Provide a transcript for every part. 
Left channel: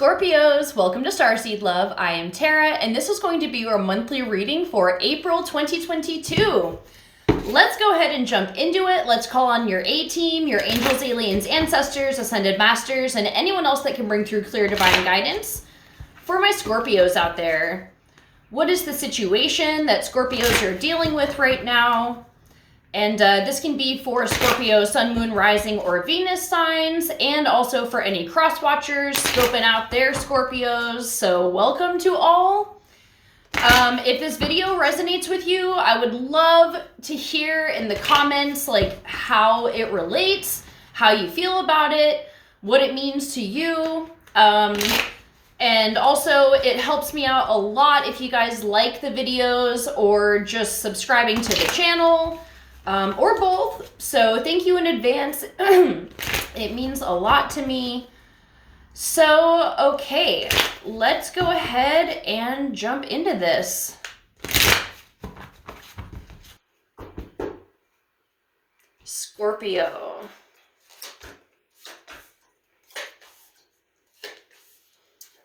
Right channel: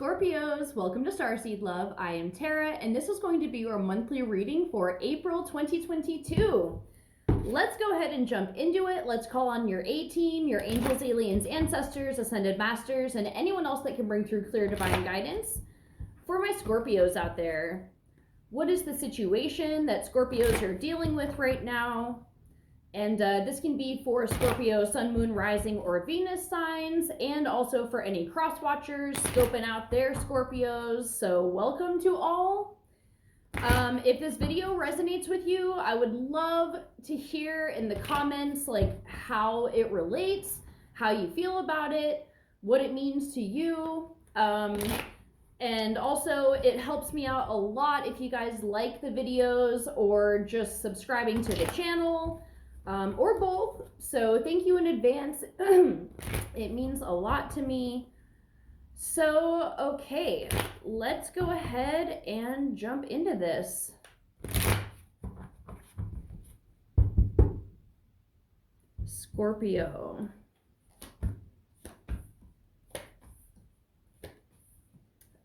Scorpios, welcome to Starseed Love. I am Tara, and this is going to be your monthly reading for April 2022. Let's go ahead and jump into it. Let's call on your A-team, your angels, aliens, ancestors, ascended masters, and anyone else that can bring through clear divine guidance. For my Scorpios out there, what is the situation that Scorpios are dealing with right now? And this can be for Scorpio, Sun, Moon, Rising, or Venus signs, and also for any cross-watchers scoping out their Scorpios. So welcome to all. If this video resonates with you, I would love to hear in the comments like how it relates, how you feel about it, what it means to you. And also it helps me out a lot if you guys like the videos or just subscribing to the channel. Or both. So thank you in advance. It means a lot to me. So, okay, let's go ahead and jump into this. Scorpio.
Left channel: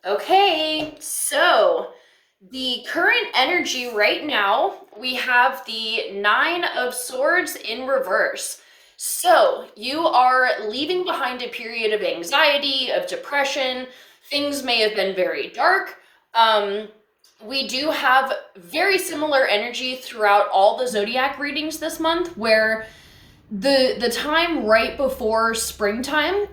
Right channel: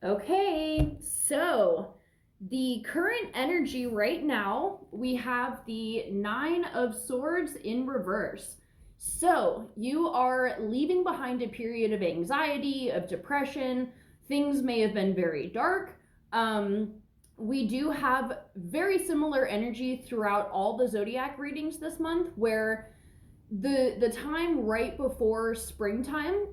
Okay, so the current energy right now, we have the Nine of Swords in reverse. So you are leaving behind a period of anxiety, of depression. Things may have been very dark. We do have very similar energy throughout all the zodiac readings this month, where the time right before springtime,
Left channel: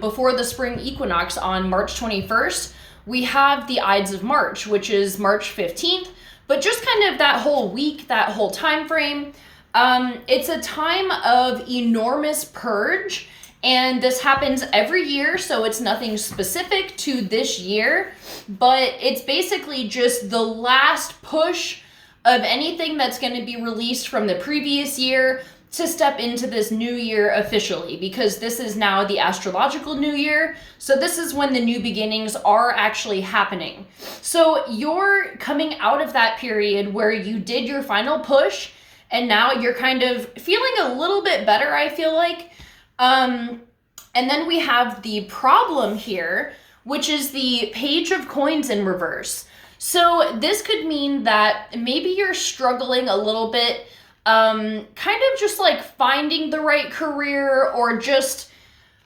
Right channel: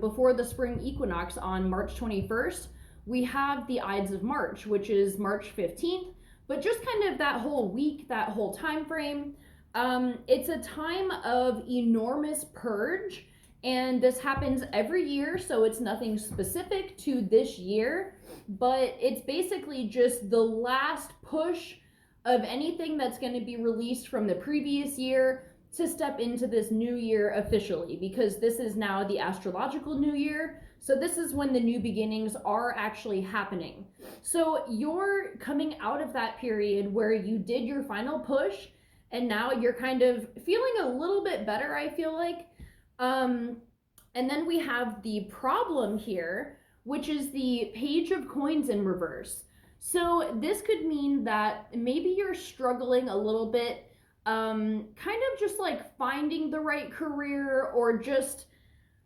before the spring equinox on March 21st, we have the Ides of March, which is March 15th, but just kind of that whole week, that whole time frame. It's a time of enormous purge, and this happens every year, so it's nothing specific to this year, but it's basically just the last push of anything that's going to be released from the previous year to step into this new year officially, because this is now the astrological new year. So this is when the new beginnings are actually happening. So you're coming out of that period where you did your final push and now you're kind of feeling a little bit better, I feel like. And then we have the problem here, which is the Page of Coins in reverse. So this could mean that maybe you're struggling a little bit, kind of just like finding the right career, or just,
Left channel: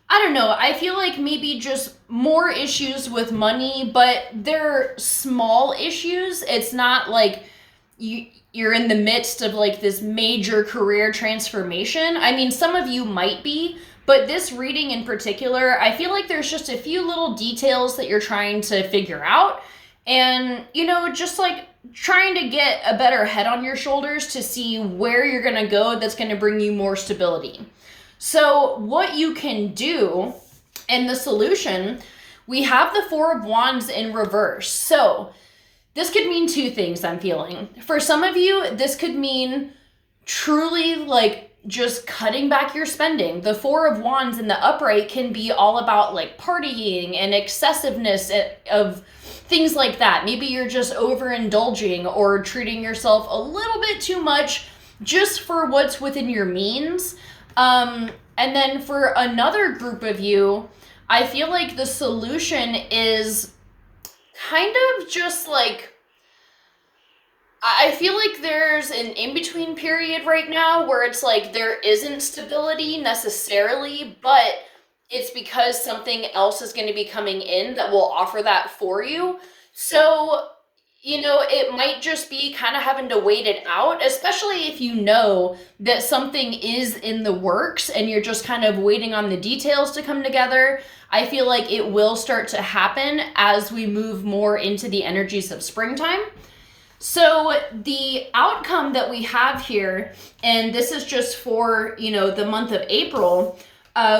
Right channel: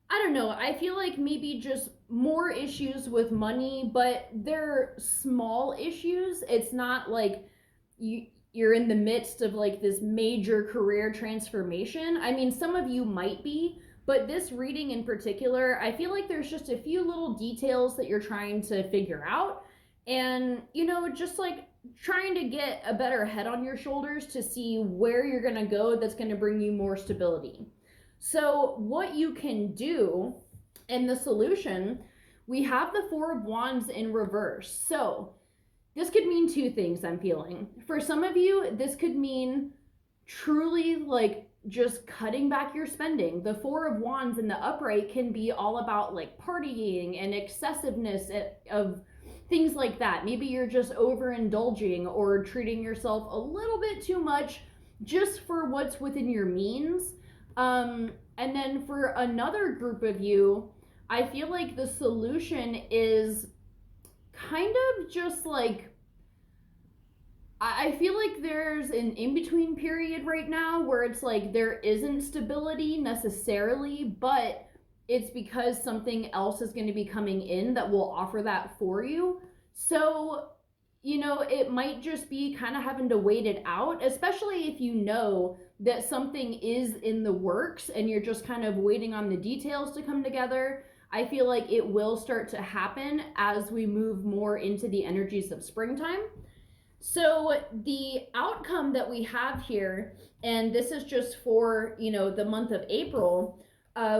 I don't know, I feel like maybe just more issues with money, but they're small issues. It's not like you're in the midst of like this major career transformation. I mean, some of you might be, but this reading in particular, I feel like there's just a few little details that you're trying to figure out, and, you know, just like trying to get a better head on your shoulders to see where you're going to go that's going to bring you more stability. So what you can do, and the solution, we have the Four of Wands in reverse. So this could mean two things, I'm feeling. For some of you, this could mean truly like just cutting back your spending. The Four of Wands in the upright can be all about like partying and excessiveness of things like that. Maybe you're just overindulging or treating yourself a little bit too much just for what's within your means. And then for another group of you, I feel like the solution is kind of just like, I feel like there's an in-between period right now where it's like there isn't stability necessarily, but it's because something else is going to be coming in that will offer that for you. So, you know, it might just be kind of having to wait it out, especially if you know that something is in the works and you're just kind of waiting on the details to come together. I feel like it will start to happen as we move more into the energies of springtime. So the outcome that we have here, and this is just for, you know, the month of April,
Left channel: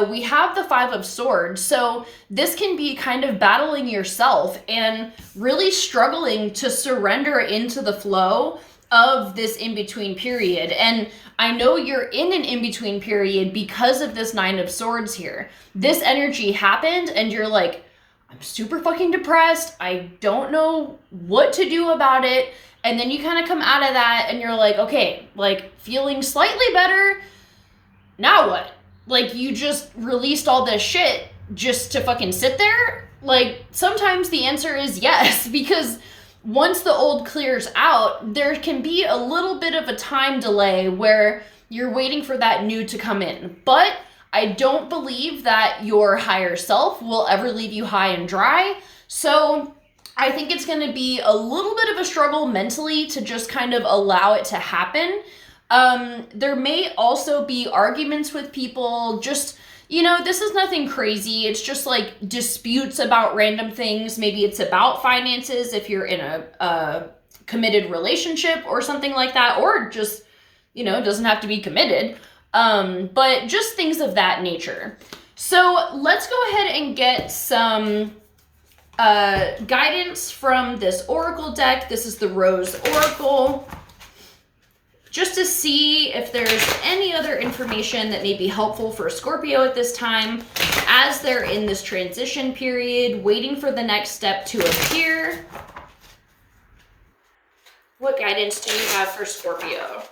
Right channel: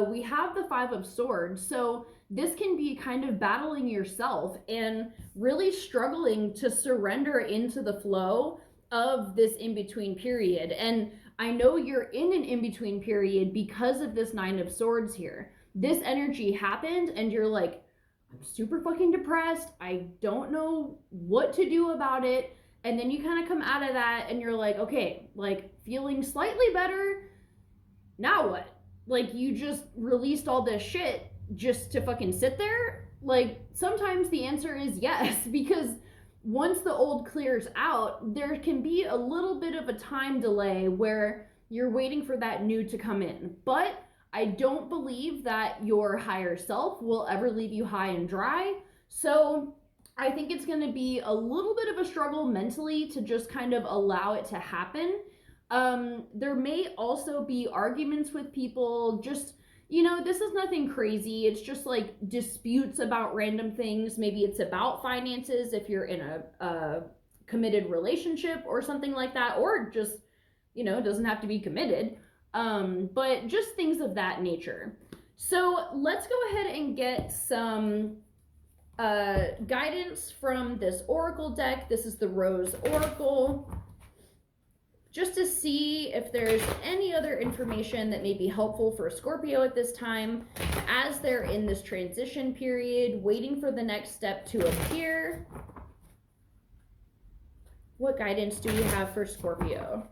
we have the Five of Swords. So this can be kind of battling yourself and really struggling to surrender into the flow of this in-between period. And I know you're in an in-between period because of this Nine of Swords here. This energy happened and you're like, I'm super fucking depressed. I don't know what to do about it. And then you kind of come out of that and you're like, okay, like feeling slightly better. Now what? Like, you just released all this shit just to fucking sit there? like, sometimes the answer is yes, because once the old clears out, there can be a little bit of a time delay where you're waiting for that new to come in. But I don't believe that your higher self will ever leave you high and dry. So I think it's going to be a little bit of a struggle mentally to just kind of allow it to happen. There may also be arguments with people, just, you know, this is nothing crazy. It's just like disputes about random things. Maybe it's about finances if you're in a committed relationship or something like that, or just, you know, it doesn't have to be committed. But just things of that nature. So let's go ahead and get some guidance from this oracle deck. This is the Rose Oracle, just to see if there's any other information that may be helpful for Scorpio at this time as they're in this transition period, waiting for the next step to appear. What guidance do you have for Scorpio?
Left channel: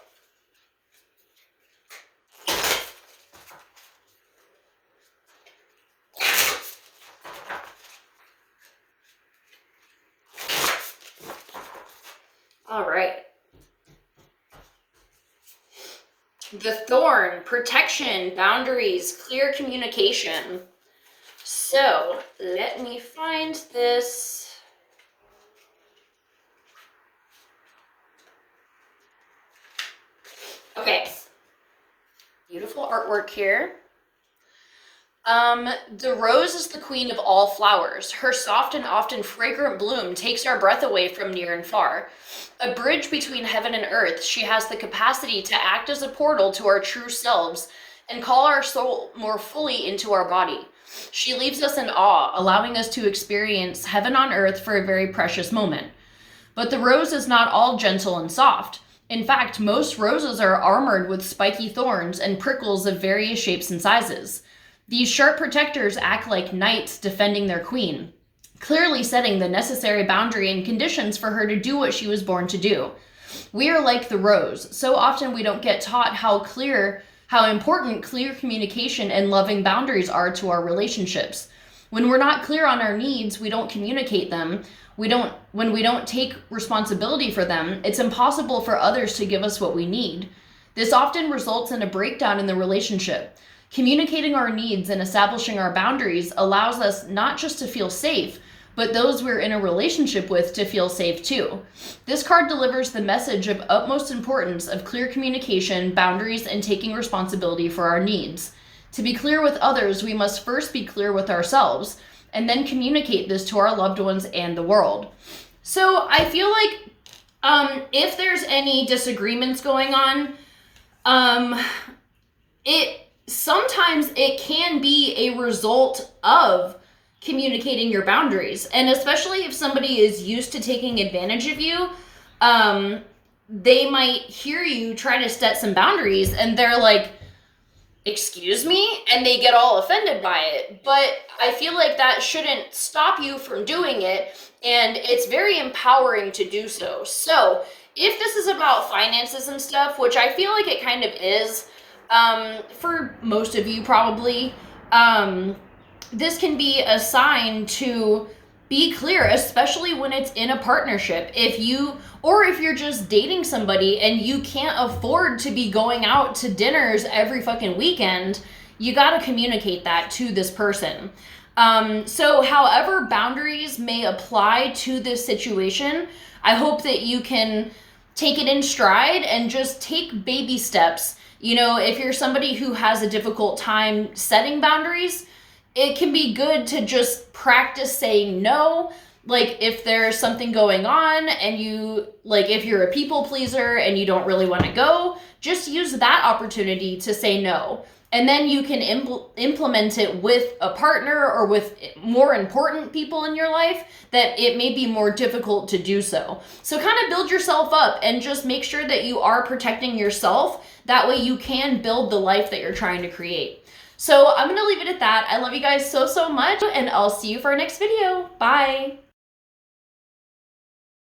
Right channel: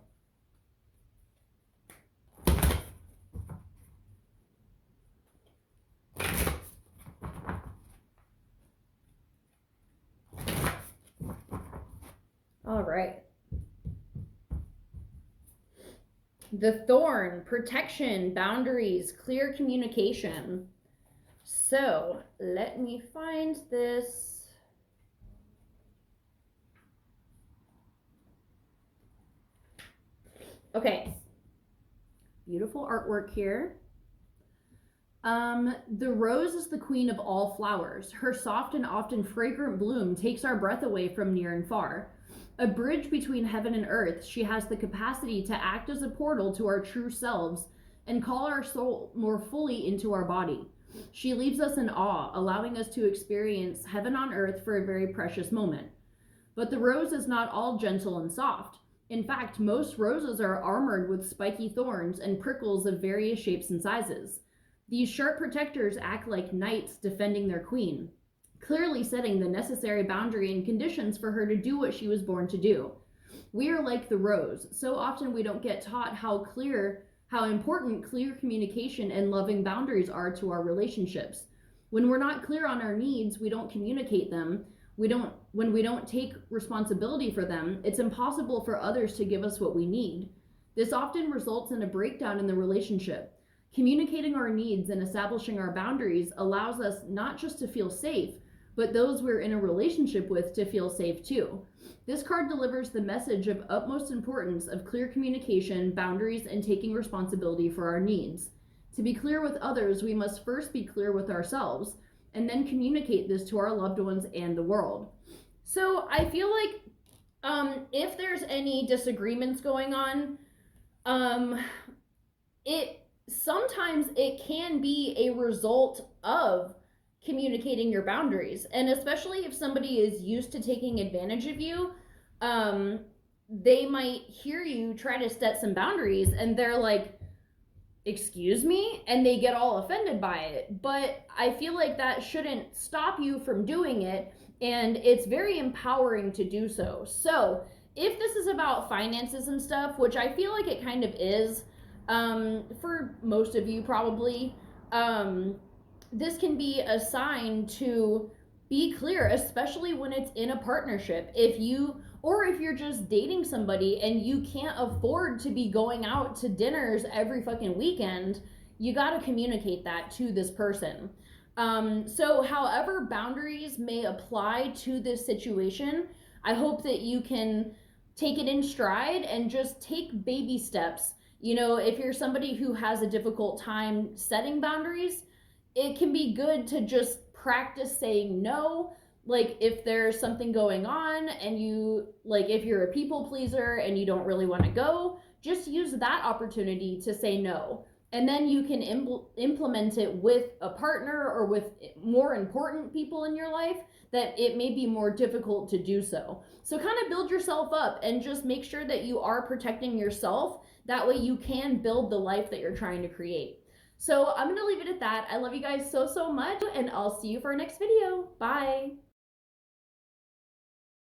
All right. The Thorn, protection, boundaries, clear communication. So let me find this. Okay. Beautiful artwork here. The rose is the queen of all flowers. Her soft and often fragrant bloom takes our breath away from near and far. A bridge between heaven and earth, she has the capacity to act as a portal to our true selves and call our soul more fully into our body. She leaves us in awe, allowing us to experience heaven on earth for a very precious moment. But the rose is not all gentle and soft. In fact, most roses are armored with spiky thorns and prickles of various shapes and sizes. These sharp protectors act like knights defending their queen, clearly setting the necessary boundary and conditions for her to do what she was born to do. We are like the rose. So often we don't get taught how important clear communication and loving boundaries are to our relationships. When we're not clear on our needs, we don't communicate them. When we don't take responsibility for them, it's impossible for others to give us what we need. This often results in a breakdown in the relationship. Communicating our needs and establishing our boundaries allows us not just to feel safe, but those we're in a relationship with to feel safe too. This card delivers the message of utmost importance of clear communication, boundaries, and taking responsibility for our needs. To be clear with others, we must first be clear with ourselves, and then communicate this to our loved ones and the world. So I feel like if there's any disagreements going on, sometimes it can be a result of communicating your boundaries. And especially if somebody is used to taking advantage of you, they might hear you try to set some boundaries and they're like, excuse me? And they get all offended by it. But I feel like that shouldn't stop you from doing it. And it's very empowering to do so. So if this is about finances and stuff, which I feel like it kind of is, for most of you probably, this can be a sign to be clear, especially when it's in a partnership. If you're just dating somebody and you can't afford to be going out to dinners every fucking weekend, you got to communicate that to this person. So however boundaries may apply to this situation, I hope that you can take it in stride and just take baby steps. You know, if you're somebody who has a difficult time setting boundaries, it can be good to just practice saying no. Like if there's something going on and if you're a people pleaser and you don't really want to go, just use that opportunity to say no. And then you can implement it with a partner or with more important people in your life that it may be more difficult to do so. So kind of build yourself up and just make sure that you are protecting yourself. That way you can build the life that you're trying to create. So I'm going to leave it at that. I love you guys so, so much, and I'll see you for our next video. Bye.